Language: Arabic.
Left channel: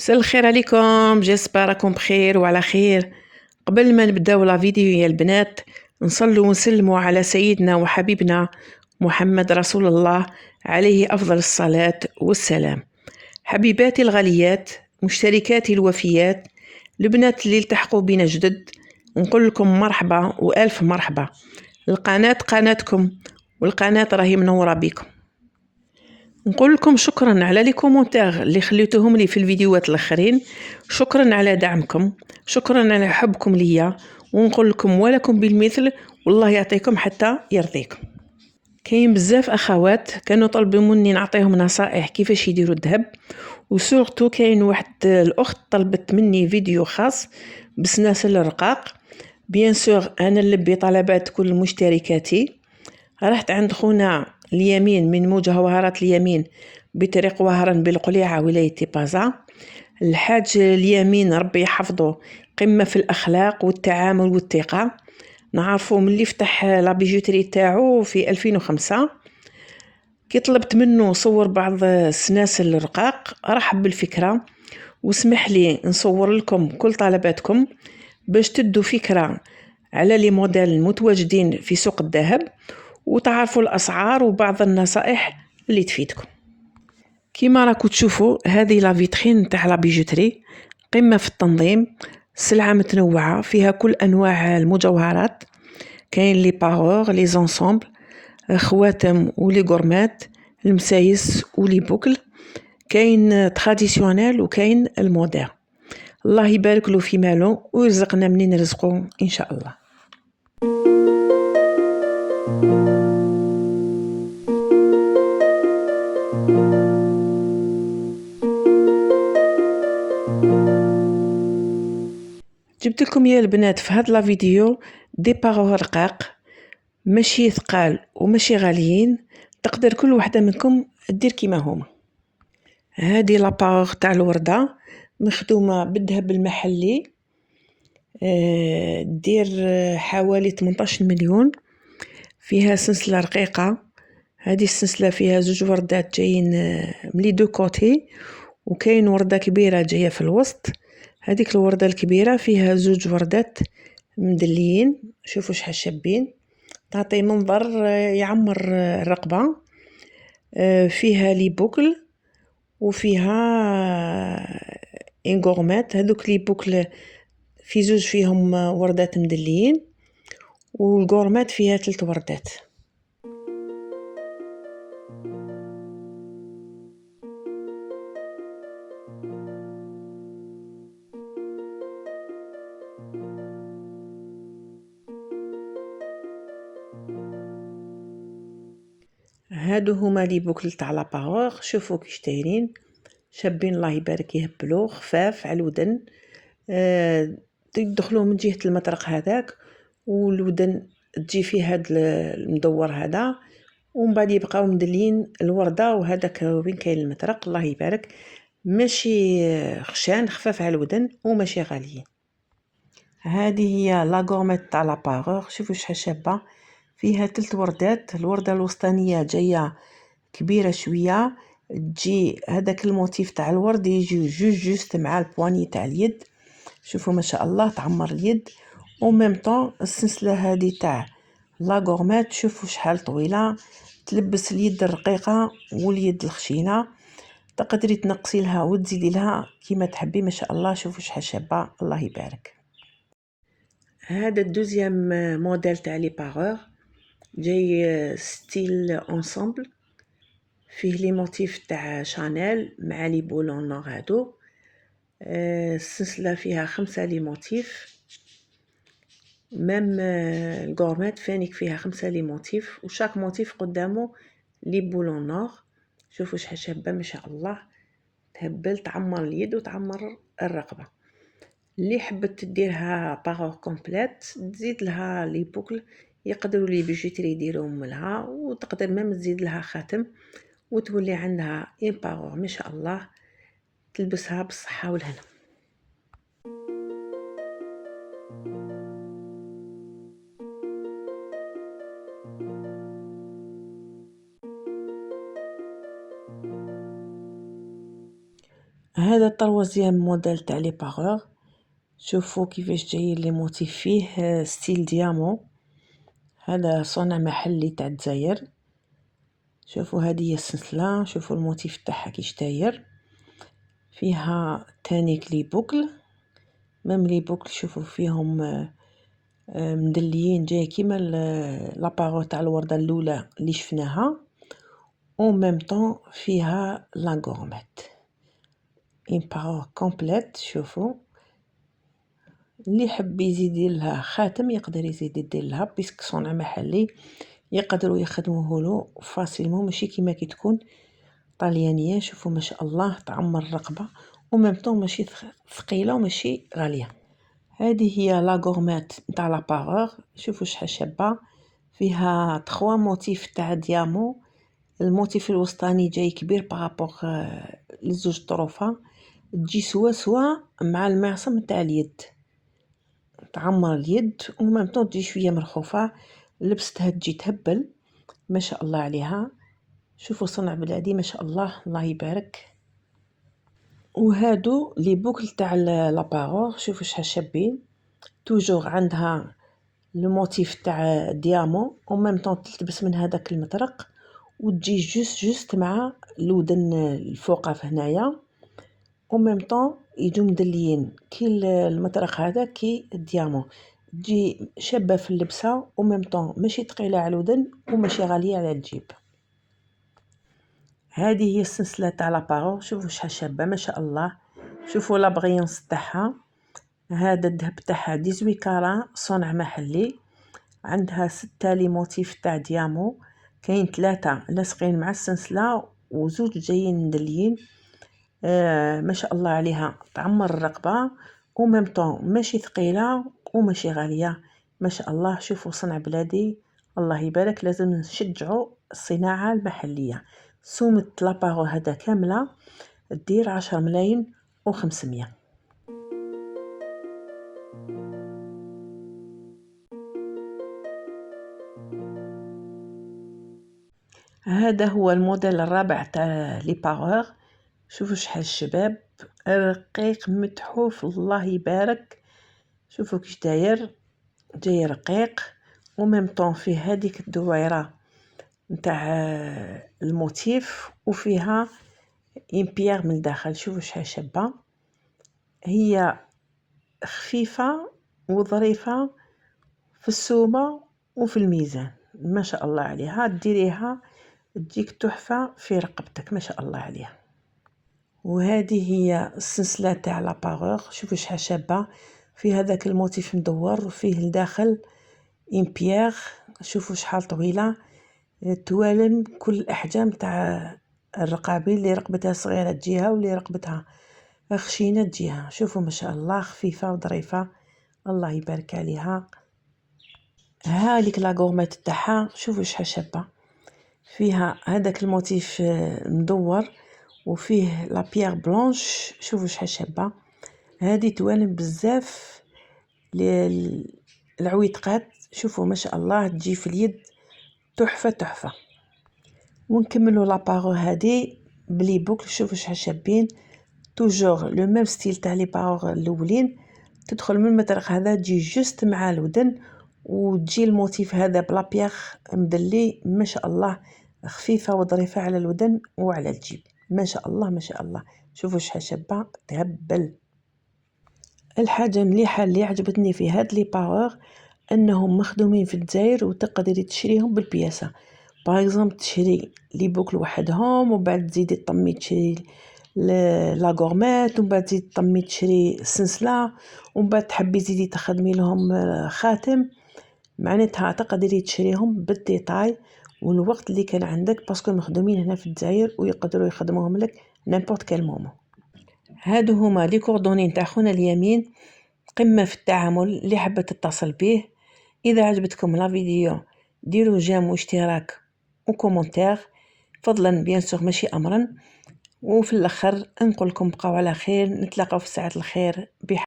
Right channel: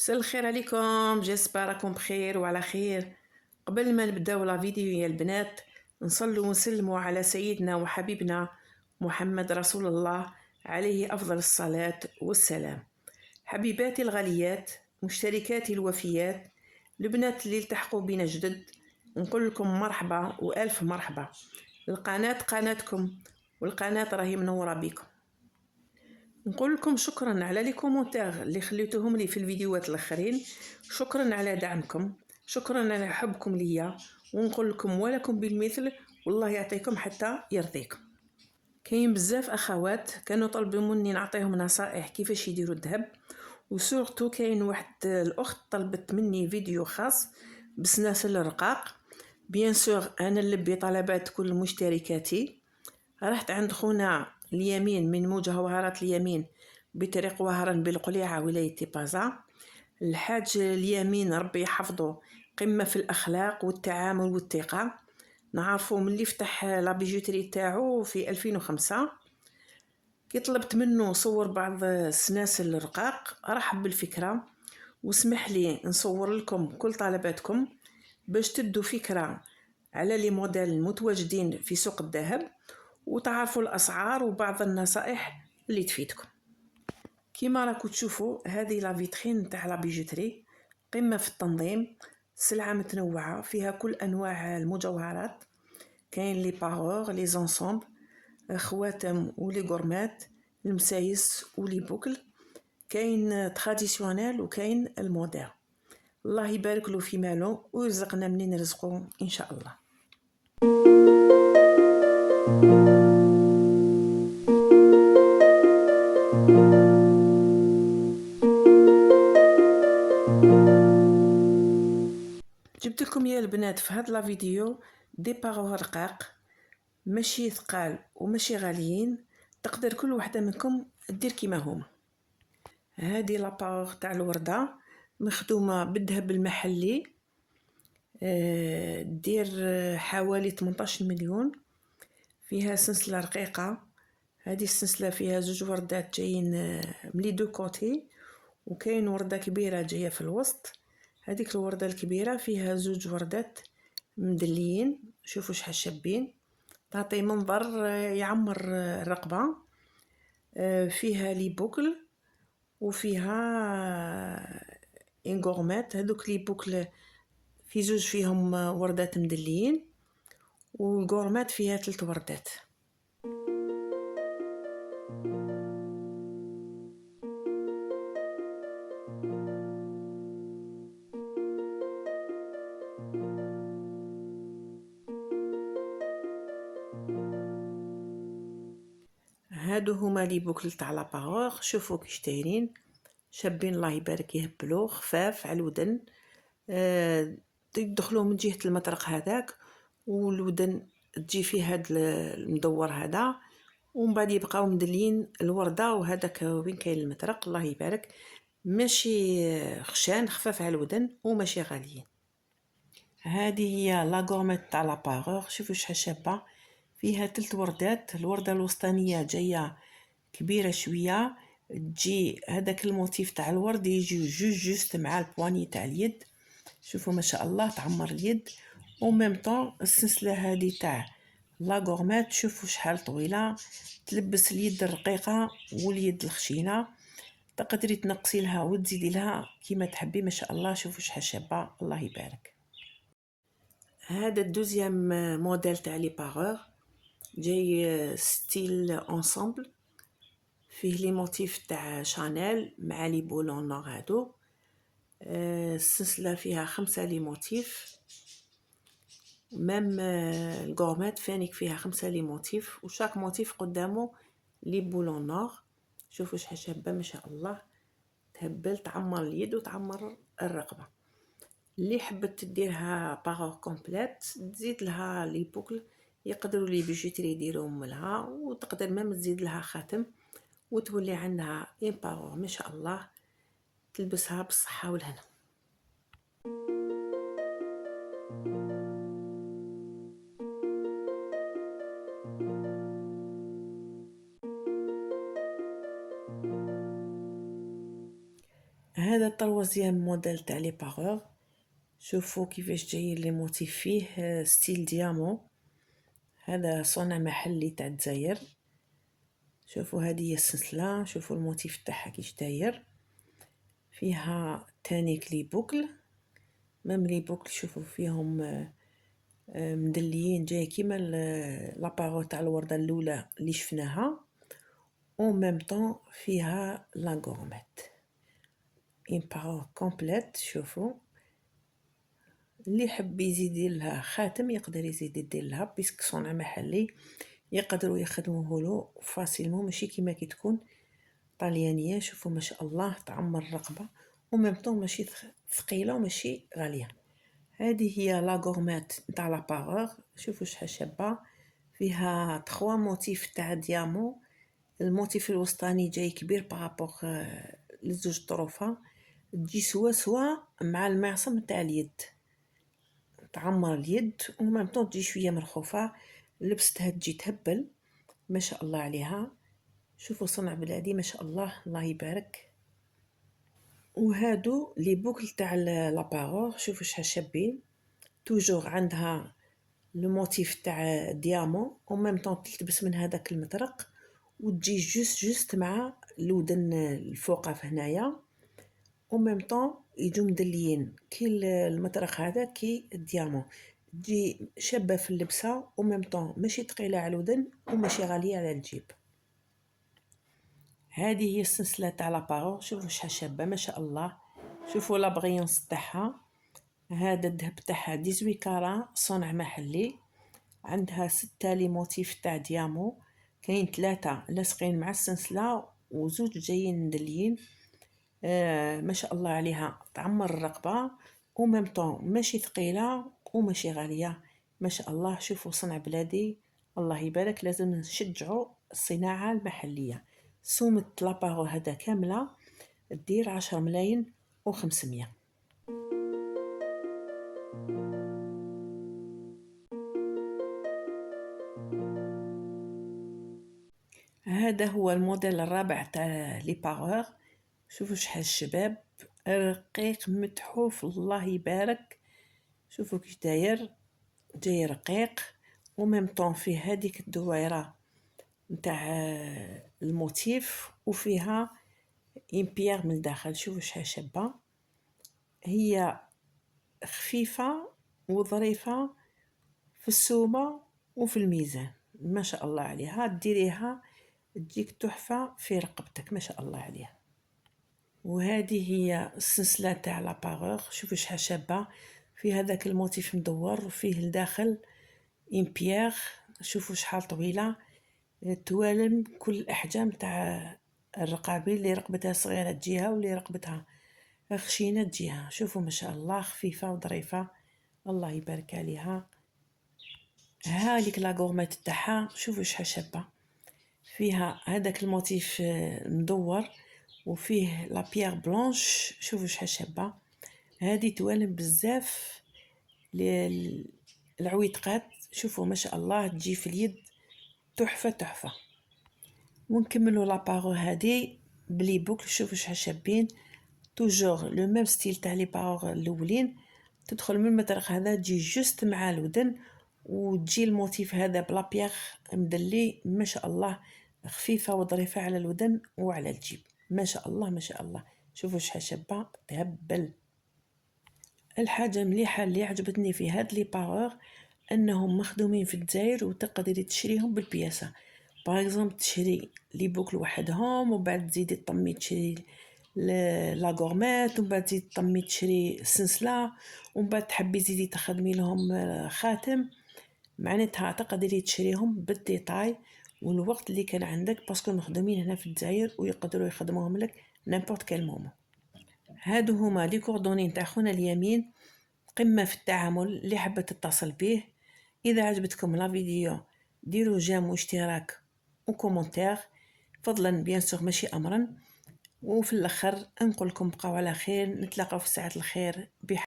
مساء الخير عليكم، جيسبر راكم بخير وعلى خير. قبل ما نبداو لا فيديو يا البنات، نصلوا ونسلموا على سيدنا وحبيبنا محمد رسول الله عليه أفضل الصلاة والسلام. حبيباتي الغاليات، مشتركاتي الوفيات، البنات اللي التحقوا بنا جدد، نقول لكم مرحبا وألف مرحبا. القناة قناتكم، والقناة راهي منورة بكم. نقول لكم شكرا على لي كومونتير اللي خليتوهم لي في الفيديوهات الاخرين، شكرا على دعمكم، شكرا على حبكم ليا، ونقول لكم ولكم بالمثل، والله يعطيكم حتى يرضيكم. كاين بزاف اخوات كانوا طلبوا مني نعطيهم نصائح كيفاش يديروا الذهب، وسورتو كاين واحد الاخت طلبت مني فيديو خاص بسلاسل الرقاق. بيان سور انا نلبي طلبات كل مشتركاتي. رحت عند خونا اليمين من مجوهرات اليمين بطريق وهران بالقليعة ولاية تيبازا. الحاج اليمين ربي يحفظه، قمة في الأخلاق والتعامل والثقة. نعرفه ملي فتح لابيجوتري تاعو في 2005. كي طلبت منه صور بعض سلاسل الرقاق رحب بالفكرة، واسمح لي نصور لكم كل طلباتكم باش تدوا فكرة على لي موديل المتواجدين في سوق الذهب، وتعرفوا الأسعار وبعض النصائح اللي تفيدكم. كيما راكو تشوفوا هذه لا فيترين تاع لا بيجوتري، قمة في التنظيم، سلعة متنوعة فيها كل أنواع المجوهرات. كاين لي باغور، لي زونسومبل، خواتم ولي غورمات، المسايس ولي بوكل. كاين تراديسيونيل وكاين المودير. الله يبارك له في ماله ويرزقنا منين رزقه إن شاء الله. جبت لكم يا البنات في هاد لا فيديو دي باغور رقاق، ماشي ثقال وماشي غاليين، تقدر كل وحده منكم دير كيما هما. هادي لا باغور تاع الورده مخدومه بالذهب المحلي، دير حوالي 18 مليون. فيها سلسله رقيقه، هذه السلسله فيها زوج وردات جايين ملي دو كوتي، وكاين ورده كبيره جايه في الوسط. هذيك الورده الكبيره فيها زوج وردات مدليين، شوفوا شحال شابين، تعطي منظر يعمر الرقبه. فيها لي بوكل وفيها انغورمات. هذوك لي بوكل في زوج فيهم وردات مدليين، والغورمات فيها 3 وردات. هادو هما لي بوكل تاع لا باغور، شوفوا كيش دايرين، شابين الله يبارك، يهبلوا خفاف على الودن. تدخلوا من جهة المطرق هذاك، والودن تجي فيه هاد المدور هذا، ومن بعد يبقاو مدلين الوردة، وهذاك وين كاين المطرق الله يبارك. ماشي خشان، خفاف على الودن وماشي غاليين. هذه هي لا غورميت تاع لا باغور، شوفوا شحال شابه، فيها 3 وردات. الورده الوسطانيه جايه كبيره شويه، تجي هذاك الموتيف تاع الورد يجي جوج جوست مع البواني تاع اليد. شوفوا ما شاء الله تعمر اليد. وميم طون السلسله هذه تاع لا غورميت شوفوا شحال طويله، تلبس اليد الرقيقه واليد الخشينه، تقدري تنقصي لها وتزيدي لها كيما تحبي. ما شاء الله شوفوا شحال شابه الله يبارك. هذا الدوزيام موديل تاع لي باغور، جاي ستيل انسامبل، فيه لي موتيف تاع شانيل مع لي بولون نور هادو. السلسله فيها 5 لي موتيف، ميم الغورمات فانيك فيها 5 لي موتيف، وشاك موتيف قدامه لي بولون نور. شوفوا شحال شابه ما شاء الله، تهبل تعمر اليد وتعمر الرقبه. اللي حبت تديرها باغور كومبليت تزيد لها لي بوكل، يقدروا لي بيجوتري يديروهم لها، وتقدر ميم تزيد لها خاتم، وتولي عندها ان باغور ما شاء الله تلبسها بالصحه والهنا. هذا طروازيام موديل تاع لي باغور. شوفوا كيفاش جايين لي موتيف فيه ستيل ديامون. هذا صنع محلي تاع الجزائر. شوفوا هذه هي السلسله، شوفوا الموتيف تاعها كيش داير. فيها تانيك لي بوكل، ميم لي بوكل شوفوا فيهم مدليين جاي كيما لاباغو تاع الورده الاولى اللي شفناها. او ميم طون فيها لا غورميت اون باغور كومبليت. شوفوا اللي يحب يزيد لها خاتم يقدر يزيد يدير لها، بيسك صنع محلي يقدروا يخدموه له فاسيلمون، ماشي كيما كي تكون طاليانيه. شوفوا ما شاء الله تعمر الرقبه وميم طون ماشي ثقيله وماشي غاليه. هذه هي لا غورميت نتاع لا باغور. شوفوا شحال شابه، فيها 3 موتيف تاع ديامون. الموتيف الوسطاني جاي كبير بارابور لزوج طروفه، تجي سوا مع المعصم تاع اليد، تعمر اليد وميم طون تجي شويه مرخوفه. لبستها تجي تهبل ما شاء الله عليها. شوفوا صنع بلادي ما شاء الله، الله يبارك. وهادو لي بوكل تاع لاباغور، شوفوا شحال شابين. توجور عندها لو موتيف تاع ديامون وميم طون تلبس من هذاك المطرق وتجي جوست مع الودن الفوقه في هنايا، وميم طون يجو مدليين كي المطرق هذا كي الديامون. تجي شابه في اللبسه وميم طون ماشي ثقيله على الودن وماشي غاليه على الجيب. هذه هي السلسله تاع لاباغور. شوفوا شحال شابه ما شاء الله. شوفوا لا بغيونس تاعها. هذا الذهب تاعها 18 كارا صنع محلي. عندها 6 لي موتيف تاع ديامون، كاين 3 لاصقين مع السلسله وزوج جايين مدليين. ما شاء الله عليها، تعمر الرقبه وميم طون ماشي ثقيله وماشي غاليه ما شاء الله. شوفوا صنع بلادي، الله يبارك. لازم نشجعوا الصناعه المحليه. سومة لاباغو هذا كامله دير 10 ملايين و500. هذا هو الموديل الرابع تاع لي باغور. شوفوا شحال الشباب، رقيق متحوف الله يبارك. شوفوا كيش داير، جاي رقيق وميم طون فيه هذيك الدويره نتاع الموتيف وفيها اون بيير من الداخل. شوفوا شحال شابه، هي خفيفه وظريفه في السومه وفي الميزان ما شاء الله عليها. ديريها تجيك تحفه في رقبتك ما شاء الله عليها. وهذه هي السلسله تاع لاباغور. شوفوا شحال شابه، فيه هذاك الموتيف مدور وفيه الداخل اون بيير. شوفوا شحال طويله، توالم كل الاحجام تاع الرقابي، اللي رقبتها صغيره تجيها واللي رقبتها خشينه تجيها. شوفوا ما شاء الله خفيفه وظريفه الله يبارك عليها. هذيك لا غورميت تاعها شوفوا شحال شابه، فيها هذاك الموتيف مدور وفيه لا بيير بلونش. شوفوا شحال شابه، هذه توالم بزاف العويتقات. شوفوا ما شاء الله تجي في اليد تحفه. ونكملوا لاباغو هذه بلي بوكل. شوفوا شحال شابين، توجور لو ميم ستيل تاع لي باغو الاولين. تدخل من المطرق هذا تجي جوست مع الودن وتجي الموتيف هذا بلا بيير مدلي ما شاء الله، خفيفه وظريفه على الودن وعلى الجيب ما شاء الله ما شاء الله. شوفوا شحال شابه تهبل. الحاجه مليحه اللي عجبتني في هاد لي باغور انهم مخدومين في الجزائر وتقدري تشريهم بالبياسه. باغ اكزومبل تشري لي بوكل وحدهم ومن بعد تزيدي طمي تشري لا غورميت ومن بعد تزيدي طمي تشري السلسله ومن بعد تحبي تزيدي تخدمي لهم خاتم. معناتها تقدري تشريهم بالديتاي والوقت اللي كان عندك، باسكو مخدومين هنا في الجزائر ويقدروا يخدموهم لك نيمبورت كال مومون. هادو هما لي كوردوني نتاع خونا اليمين، قمه في التعامل. اللي حابه تتصل به، اذا عجبتكم لا فيديو ديروا جيم واشتراك وكومنتير فضلا بيان سور ماشي امرا. وفي الاخر نقول لكم بقاو على خير، نتلاقاو في ساعه الخير.